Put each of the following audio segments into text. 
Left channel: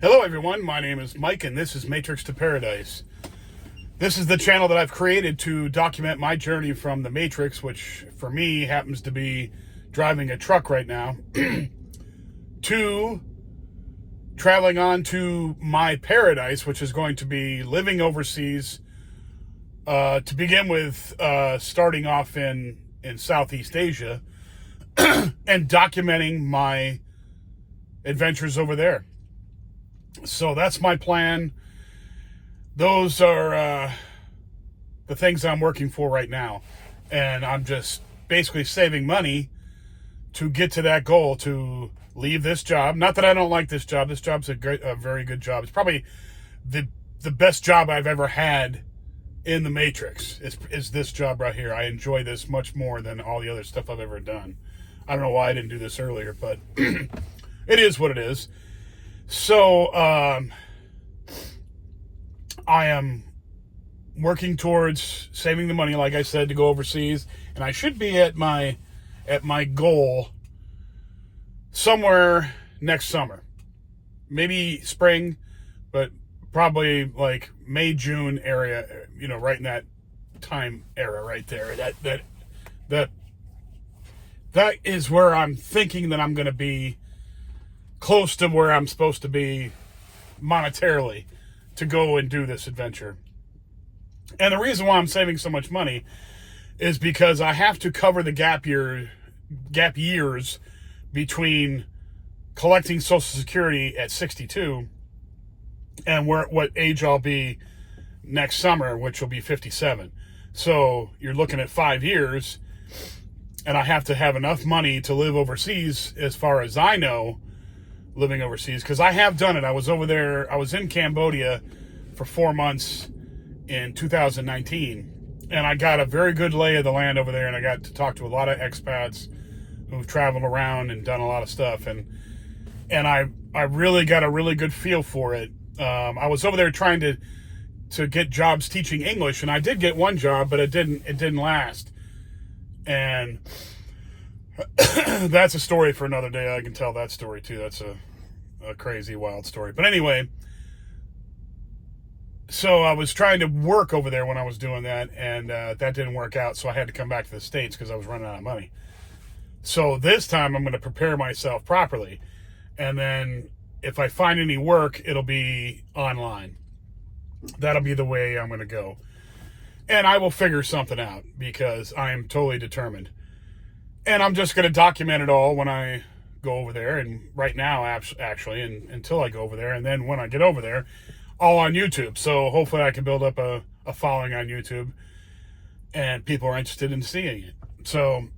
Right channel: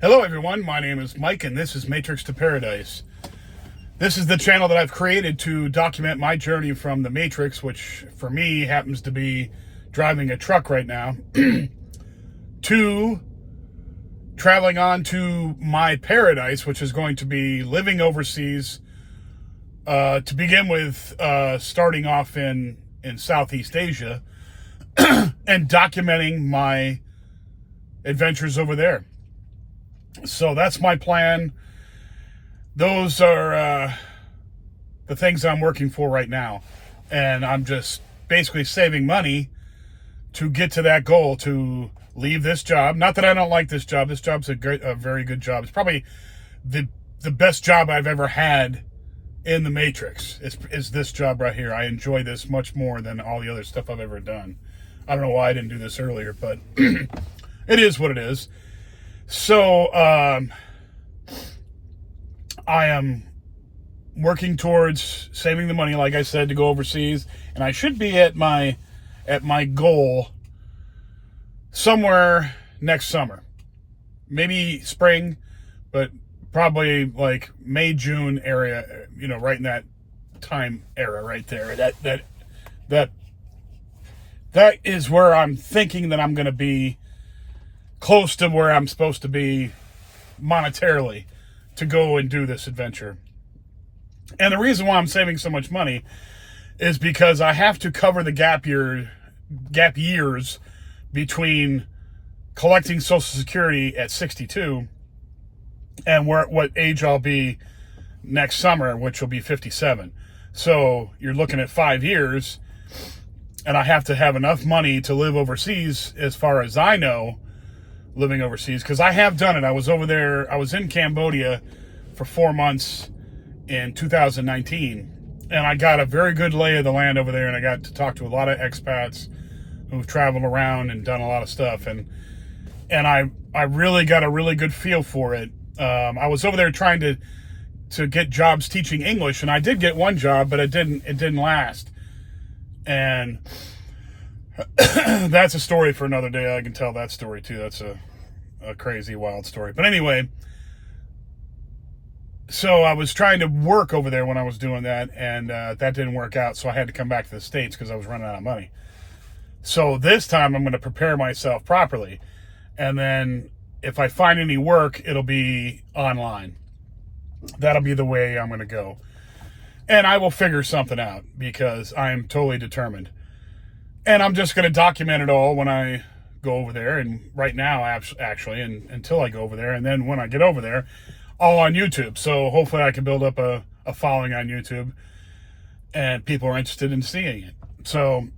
Hello everyone, my name is Mike and this is Matrix to Paradise. This is the channel that I've created to document my journey from the Matrix, which for me happens to be driving a truck right now, to traveling on to my paradise, which is going to be living overseas, to begin with, starting off in Southeast Asia and documenting my adventures over there. So that's my plan. Those are the things I'm working for right now. And I'm just basically saving money to get to that goal, to leave this job. Not that I don't like this job. This job's a very good job. It's probably the best job I've ever had in the Matrix. Is this job right here. I enjoy this much more than all the other stuff I've ever done. I don't know why I didn't do this earlier, but it is what it is. So, I am working towards saving the money, like I said, to go overseas, and I should be at my goal somewhere next summer, maybe spring, but probably like May, June area, right in that time era right there. That is where I'm thinking that I'm going to be close to where I'm supposed to be monetarily to go and do this adventure. And the reason why I'm saving so much money is because I have to cover the gap years between collecting Social Security at 62 and what age I'll be next summer, which will be 57. So you're looking at 5 years, and I have to have enough money to live overseas, as far as I know, living overseas, because I have done it. I was over there. I was in Cambodia for 4 months in 2019, and I got a very good lay of the land over there, and I got to talk to a lot of expats who've traveled around and done a lot of stuff, and I really got a really good feel for it. I was over there trying to get jobs teaching English, and I did get one job, but it didn't last. And that's a story for another day. I can tell that story too. That's a crazy, wild story. But anyway, so I was trying to work over there when I was doing that, and that didn't work out. So I had to come back to the States because I was running out of money. So this time I'm going to prepare myself properly. And then if I find any work, it'll be online. That'll be the way I'm going to go. And I will figure something out because I am totally determined. And I'm just going to document it all when I go over there. And right now, actually, and until I go over there. And then when I get over there, all on YouTube. So hopefully I can build up a following on YouTube. And people are interested in seeing it. So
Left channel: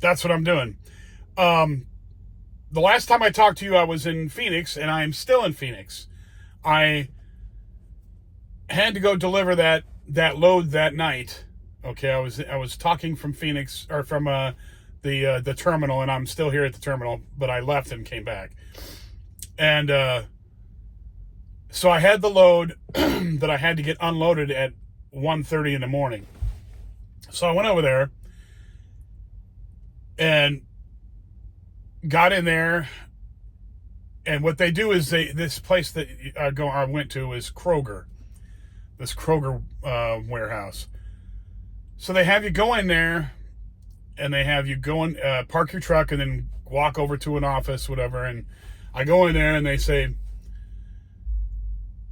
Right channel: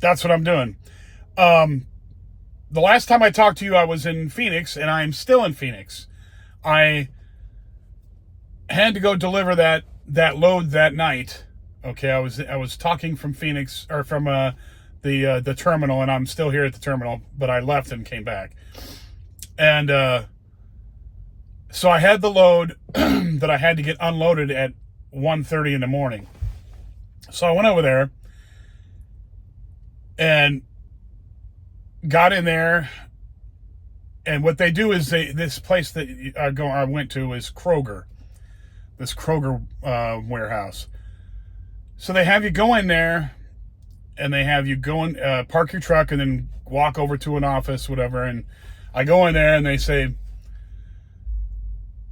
that's what I'm doing. The last time I talked to you, I was in Phoenix. And I am still in Phoenix. I had to go deliver that load that night. Okay, I was talking from Phoenix, or from the terminal, and I'm still here at the terminal, but I left and came back. And so I had the load that I had to get unloaded at 1:30 in the morning. So I went over there and got in there. And what they do is this place that I went to is Kroger. This Kroger warehouse. So they have you go in there, and they have you go in, park your truck, and then walk over to an office, whatever. And I go in there, and they say,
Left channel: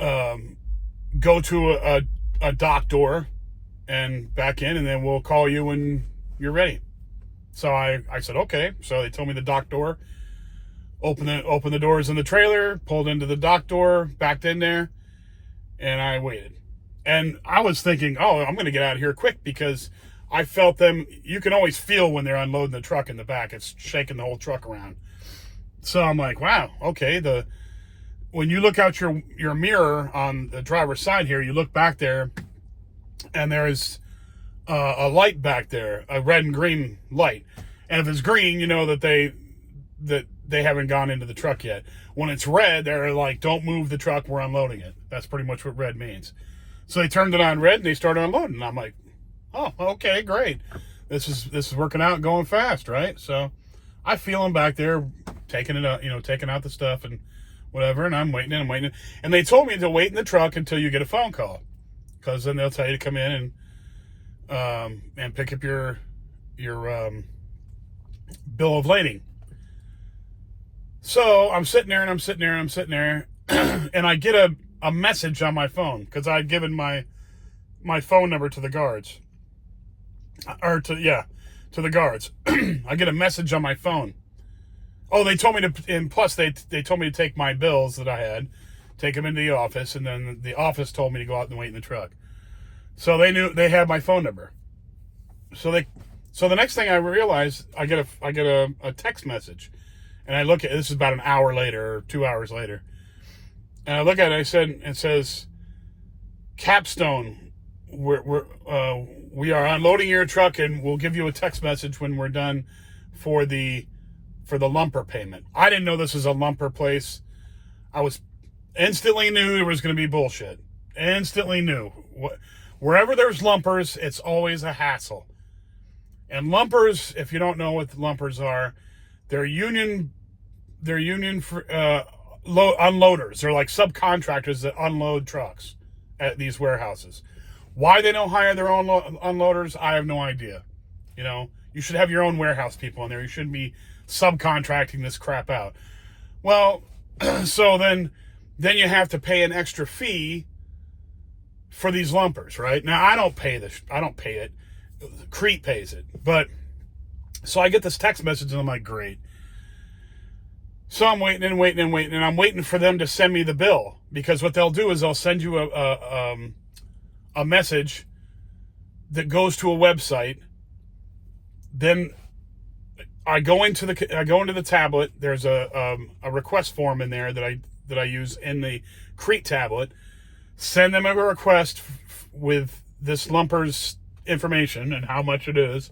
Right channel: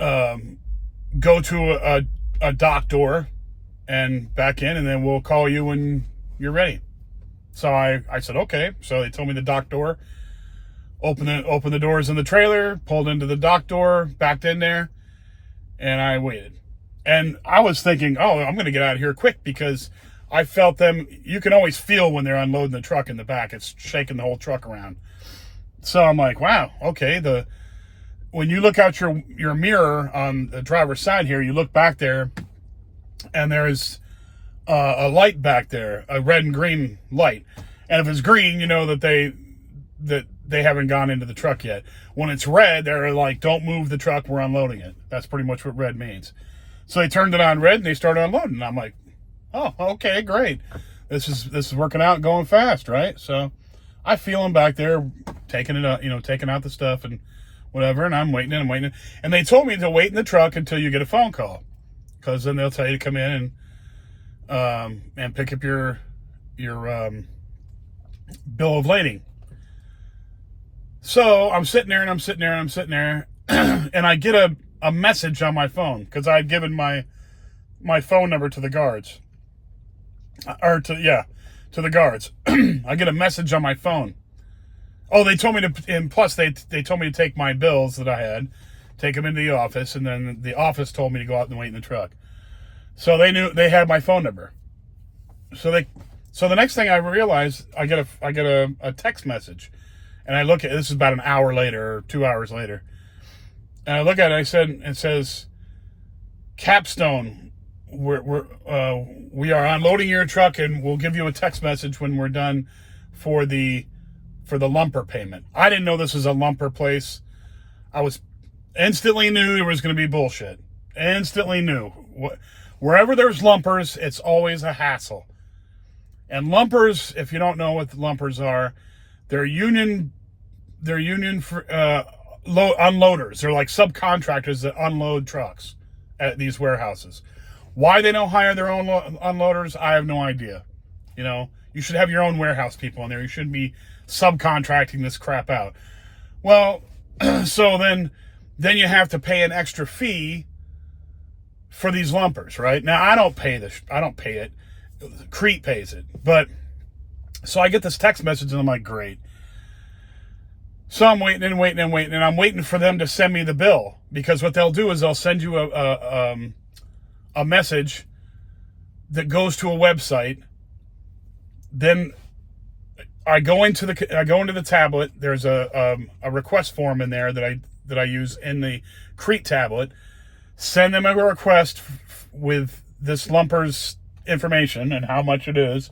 go to a dock door and back in, and then we'll call you when you're ready. So I said, okay. So they told me the dock door. Open the doors in the trailer, pulled into the dock door, backed in there, and I waited. And I was thinking, oh, I'm going to get out of here quick, because I felt them. You can always feel when they're unloading the truck in the back. It's shaking the whole truck around. So I'm like, wow, okay. When you look out your mirror on the driver's side here, you look back there, and there's a light back there, a red and green light. And if it's green, you know that they haven't gone into the truck yet. When it's red, they're like, don't move the truck, we're unloading it. That's pretty much what red means. So they turned it on red, and they started unloading. And I'm like, oh, okay, great. This is working out, going fast, right? So I feel them back there taking out the stuff and whatever. And I'm waiting and I'm waiting. And they told me to wait in the truck until you get a phone call, because then they'll tell you to come in and pick up your bill of lading. So I'm sitting there and I'm sitting there and I'm sitting there, and I get a message on my phone, because I had given my phone number to the guards, to the guards. I get a message on my phone. Oh, they told me to, and plus they told me to take my bills that I had, take them into the office, and then the office told me to go out and wait in the truck. So they knew they had my phone number. So the next thing I realized, I get a text message, and I look at, this is about an hour later or 2 hours later, and I look at it. It says, Capstone, we are unloading your truck, and we'll give you a text message when we're done for the lumper payment. I didn't know this was a lumper place. I was instantly knew there was going to be bullshit. Instantly knew. Wherever there's lumpers, it's always a hassle. And lumpers, if you don't know what the lumpers are, they're union unloaders. They're like subcontractors that unload trucks at these warehouses. Why they don't hire their own unloaders, I have no idea. You know, you should have your own warehouse people in there. You shouldn't be subcontracting this crap out. Well, so then you have to pay an extra fee for these lumpers, right? Now, I don't pay it. Crete pays it. But so I get this text message, and I'm like, great. So I'm waiting, and I'm waiting for them to send me the bill, because what they'll do is they'll send you a message that goes to a website. Then I go into the tablet. There's a request form in there that I use in the Crete tablet. Send them a request with this lumper's information and how much it is,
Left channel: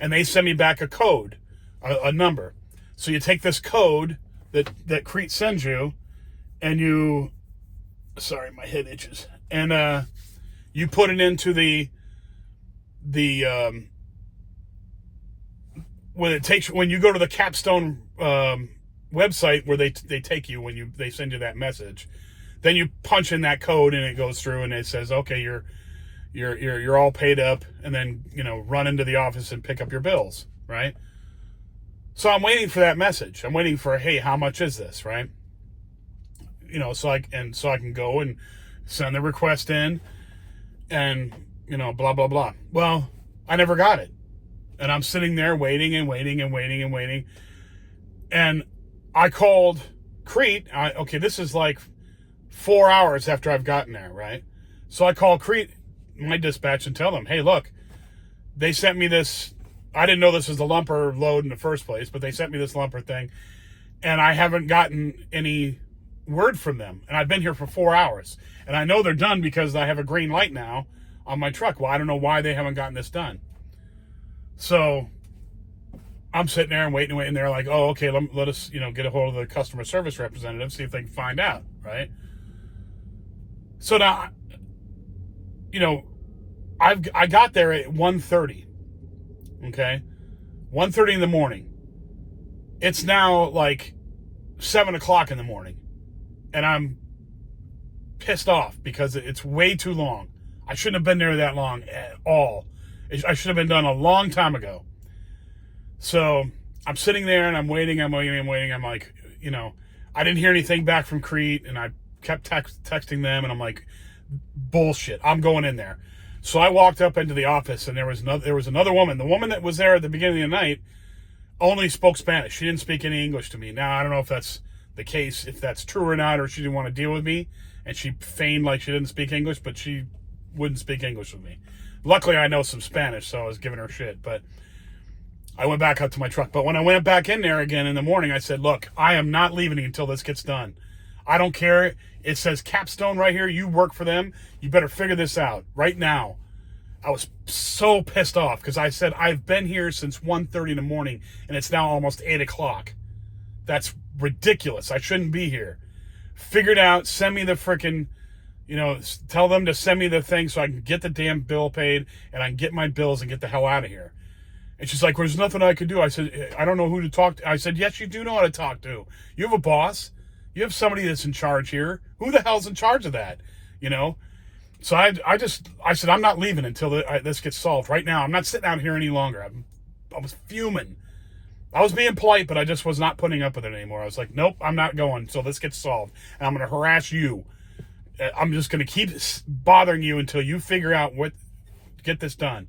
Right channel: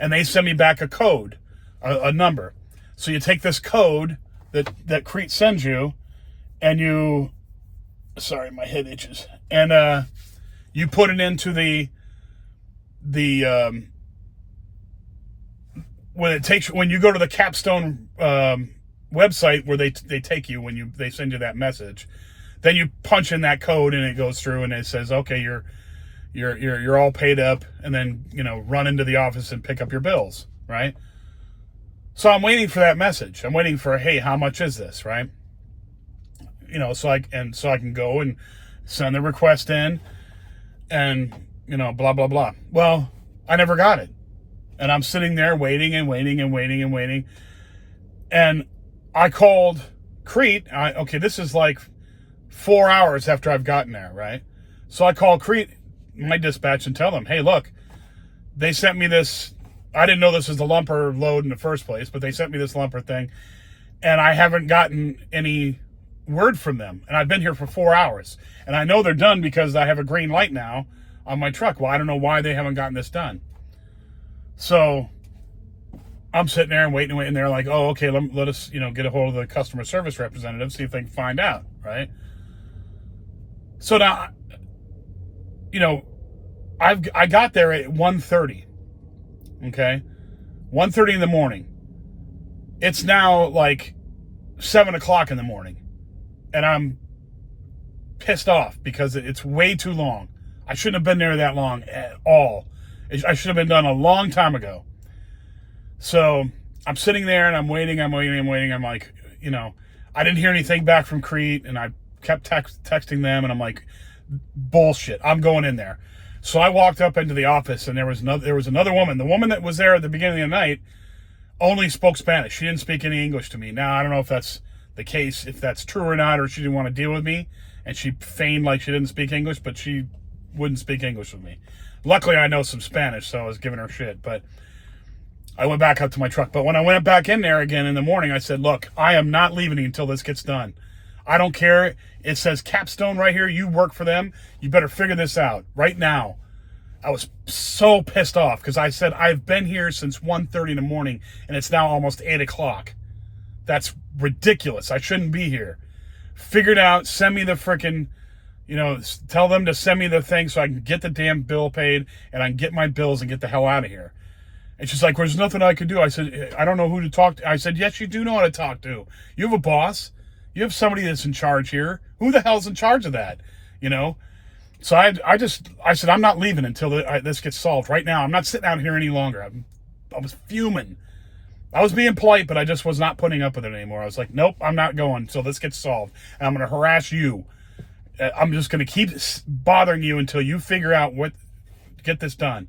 and they send me back a code, a number. So you take this code that Crete sends you, and you, sorry, my head itches, and you put it into the when you go to the Capstone website where they take you when they send you that message, then you punch in that code and it goes through and it says, okay, you're all paid up, and then, run into the office and pick up your bills, right? So I'm waiting for that message. I'm waiting for, hey, how much is this, right? So I can go and send the request in, and blah blah blah. Well, I never got it, and I'm sitting there waiting, and I called Crete. This is like 4 hours after I've gotten there, right? So I call Crete, my dispatch, and tell them, hey, look, they sent me this. I didn't know this was the lumper load in the first place, but they sent me this lumper thing, and I haven't gotten any word from them. And I've been here for 4 hours, and I know they're done because I have a green light now on my truck. Well, I don't know why they haven't gotten this done. So I'm sitting there and waiting, and they're like, oh, okay, let us, get a hold of the customer service representative, see if they can find out, right? So now, I got there at 1:30. Okay, 1:30 in the morning. It's now like 7 o'clock in the morning, and I'm pissed off because it's way too long. I shouldn't have been there that long at all. I should have been done a long time ago. So I'm sitting there and I'm waiting. I'm like, I didn't hear anything back from Crete, and I kept texting them, and I'm like, bullshit, I'm going in there. So I walked up into the office, and there was another woman. The woman that was there at the beginning of the night only spoke Spanish. She didn't speak any English to me. Now, I don't know if that's the case, if that's true or not, or she didn't want to deal with me, and she feigned like she didn't speak English, but she wouldn't speak English with me. Luckily, I know some Spanish, so I was giving her shit, but I went back up to my truck. But when I went back in there again in the morning, I said, look, I am not leaving until this gets done. I don't care. It says Capstone right here. You work for them. You better figure this out right now. I was so pissed off because I said, I've been here since 1:30 in the morning, and it's now almost 8 o'clock. That's ridiculous. I shouldn't be here. Figure it out. Send me the frickin', tell them to send me the thing so I can get the damn bill paid and I can get my bills and get the hell out of here. And she's like, well, there's nothing I could do. I said, I don't know who to talk to. I said, yes, you do know how to talk to. You have a boss. You have somebody that's in charge here. Who the hell's in charge of that? You know? So I said, I'm not leaving until this gets solved right now. I'm not sitting out here any longer. I was fuming. I was being polite, but I just was not putting up with it anymore. I was like, nope, I'm not going until this gets solved. And I'm going to harass you. I'm just going to keep bothering you until you figure out get this done.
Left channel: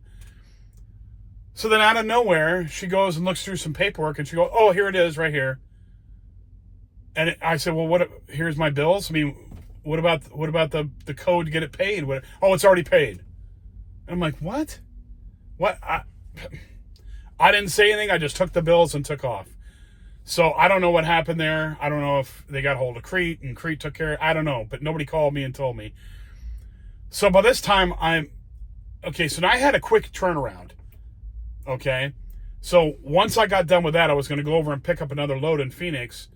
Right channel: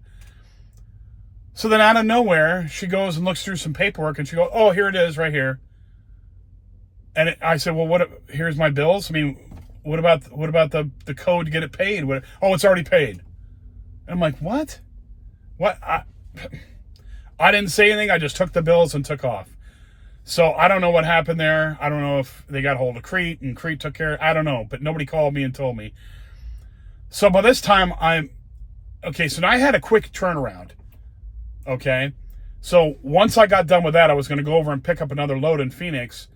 So then out of nowhere, she goes and looks through some paperwork and she goes, oh, here it is right here. And I said, well, here's my bills. I mean, what about the code to get it paid? Oh, it's already paid. And I'm like, what? What? I didn't say anything. I just took the bills and took off. So I don't know what happened there. I don't know if they got hold of Crete and Crete took care. I don't know, but nobody called me and told me. So by this time okay. So now I had a quick turnaround. Okay. So once I got done with that, I was going to go over and pick up another load in Phoenix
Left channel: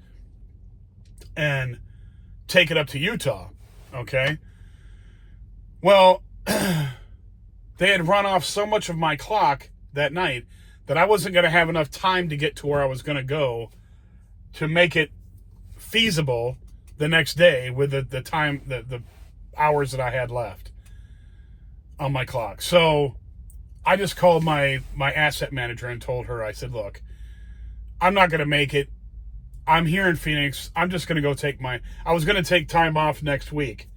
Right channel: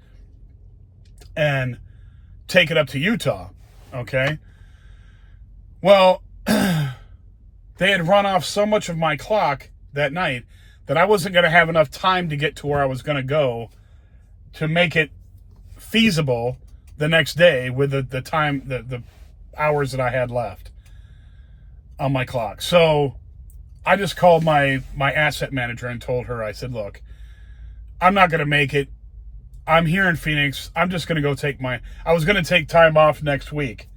and take it up to Utah. Okay. Well, they had run off so much of my clock that night that I wasn't going to have enough time to get to where I was going to go to make it feasible the next day with the time, the hours that I had left on my clock. So I just called my asset manager and told her, I said, look, I'm not going to make it. I'm here in Phoenix. I'm just going to go I was going to take time off next week.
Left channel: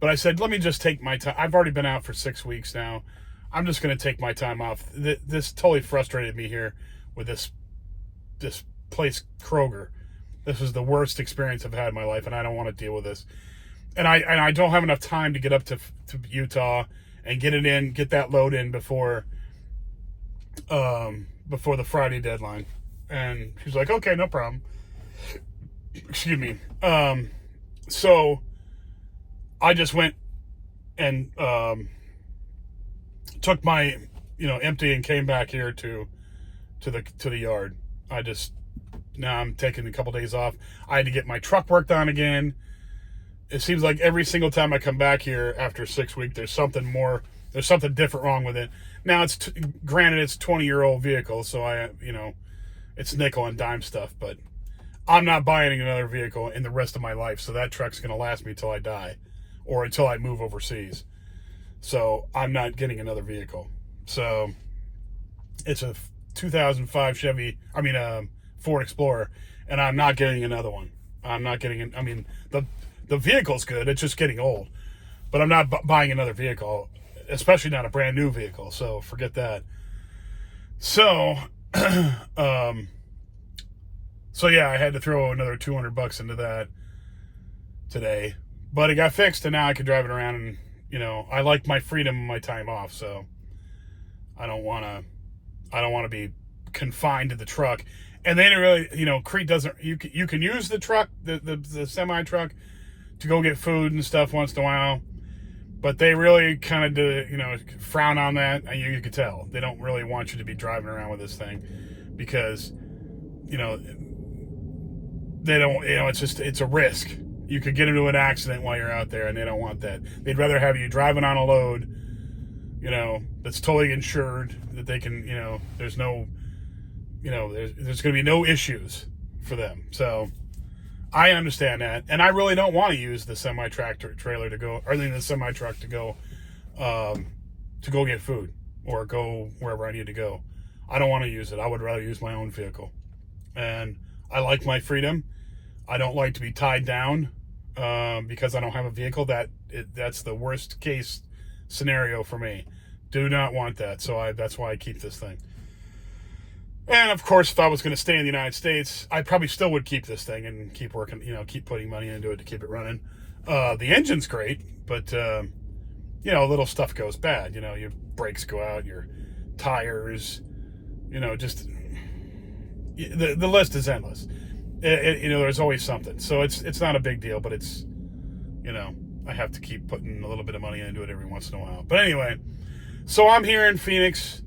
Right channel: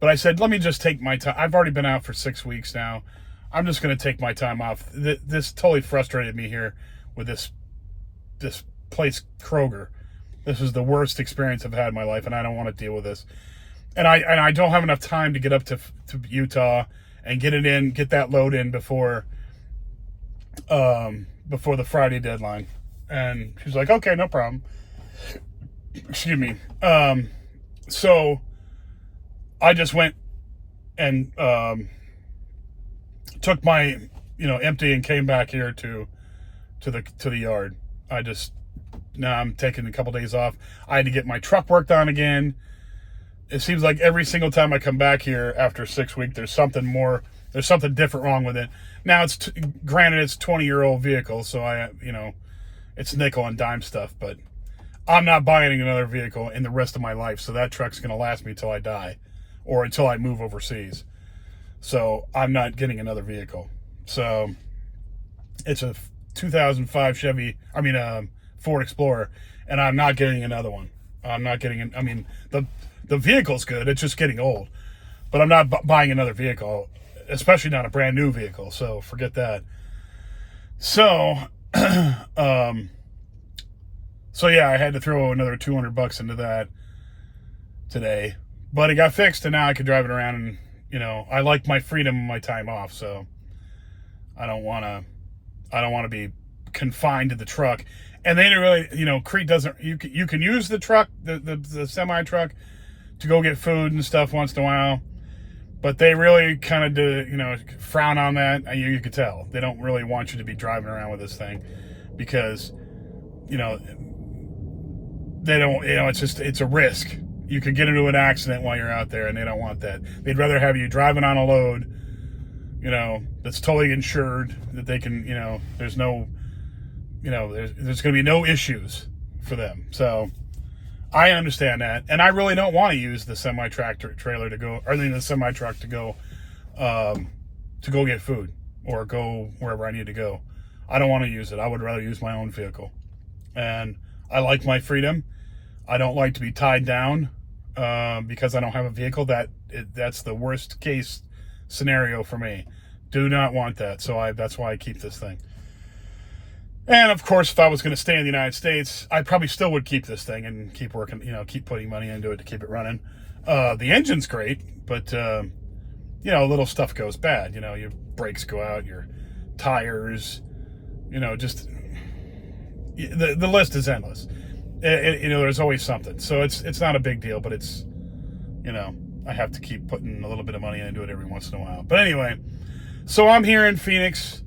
But I said, let me just take my time. I've already been out for 6 weeks now. I'm just going to take my time off. This totally frustrated me here with this place, Kroger. This is the worst experience I've had in my life, and I don't want to deal with this. And I don't have enough time to get up to Utah and get that load in before the Friday deadline. And she's like, okay, no problem. Excuse me. So I just went and took my, empty and came back here to the yard. Now I'm taking a couple days off. I had to get my truck worked on again. It seems like every single time I come back here after 6 weeks, there's something different wrong with it. Now granted it's 20-year-old vehicle, so it's nickel and dime stuff, but I'm not buying another vehicle in the rest of my life. So that truck's going to last me till I die or until I move overseas. So I'm not getting another vehicle. So it's a 2005 Ford Explorer, and I'm not getting another one. I'm not getting the vehicle's good. It's just getting old, but I'm not buying another vehicle, especially not a brand new vehicle. So forget that. So, so yeah, I had to throw another $200 into that today, but it got fixed and now I can drive it around and, I like my freedom and my time off. So I don't want to be confined to the truck. And they didn't really, Crete doesn't, you can use the truck, the semi truck to go get food and stuff once in a while, but they really kind of do, frown on that. And you could tell they don't really want you to be driving around with this thing because, they don't, it's a risk. You could get into an accident while you're out there and they don't want that. They'd rather have you driving on a load, that's totally insured, that they can, there's no, there's going to be no issues for them. So I understand that. And I really don't want to use the semi-tractor trailer the semi-truck to go get food or go wherever I need to go. I don't want to use it. I would rather use my own vehicle. And I like my freedom. I don't like to be tied down because I don't have a vehicle. That's the worst case scenario for me. Do not want that. So that's why I keep this thing. And of course, if I was going to stay in the United States, I probably still would keep this thing and keep working, keep putting money into it to keep it running. The engine's great, but, little stuff goes bad. Your brakes go out, your tires, just the list is endless. There's always something. So it's not a big deal, but it's, I have to keep putting a little bit of money into it every once in a while. But anyway, so I'm here in Phoenix.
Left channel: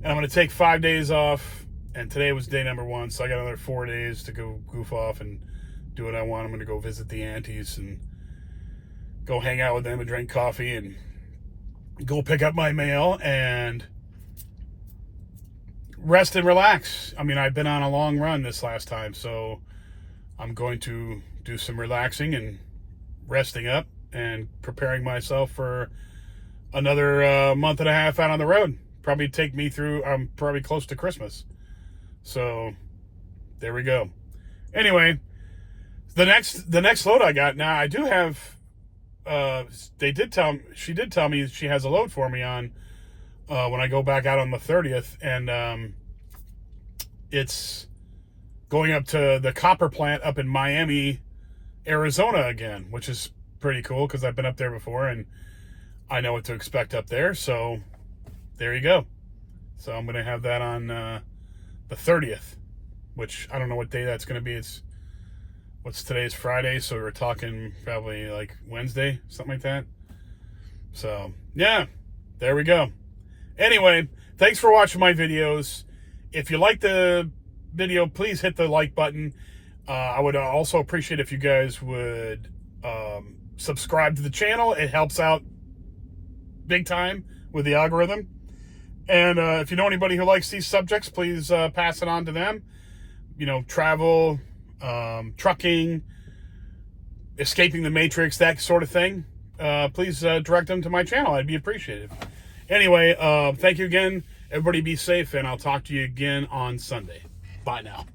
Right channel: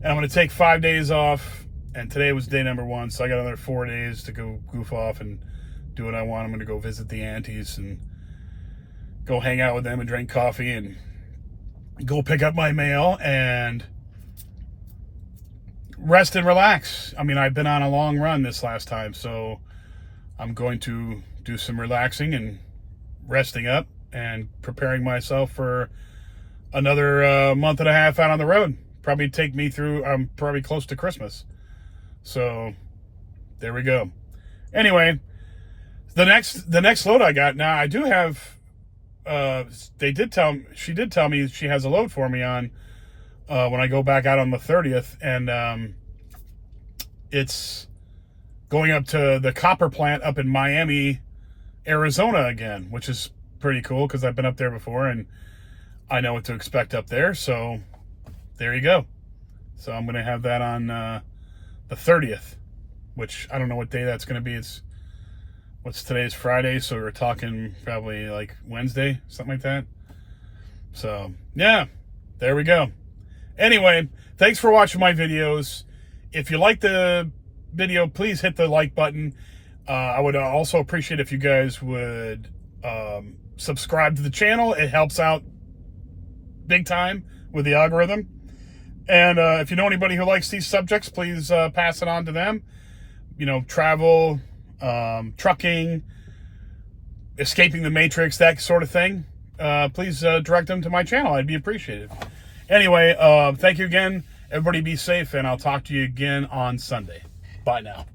And I'm going to take 5 days off, and today was day number 1, so I got another 4 days to go goof off and do what I want. I'm going to go visit the aunties and go hang out with them and drink coffee and go pick up my mail and rest and relax. I've been on a long run this last time, so I'm going to do some relaxing and resting up and preparing myself for another month and a half out on the road. Probably take me through, I'm probably close to Christmas. So there we go. Anyway, the next load I got, now I do have, she did tell me she has a load for me on when I go back out on the 30th, and it's going up to the copper plant up in Miami, Arizona again, which is pretty cool because I've been up there before and I know what to expect up there. So there you go. So I'm going to have that on the 30th, which I don't know what day that's going to be. What's today's Friday, so we're talking probably like Wednesday, something like that. So yeah, there we go. Anyway, thanks for watching my videos. If you like the video, please hit the like button. I would also appreciate if you guys would subscribe to the channel. It helps out big time with the algorithm. And if you know anybody who likes these subjects, please pass it on to them. You know, travel, trucking, escaping the matrix, that sort of thing. Please direct them to my channel. I'd be appreciated. Anyway, thank you again. Everybody be safe, and I'll talk to you again on Sunday. Bye now.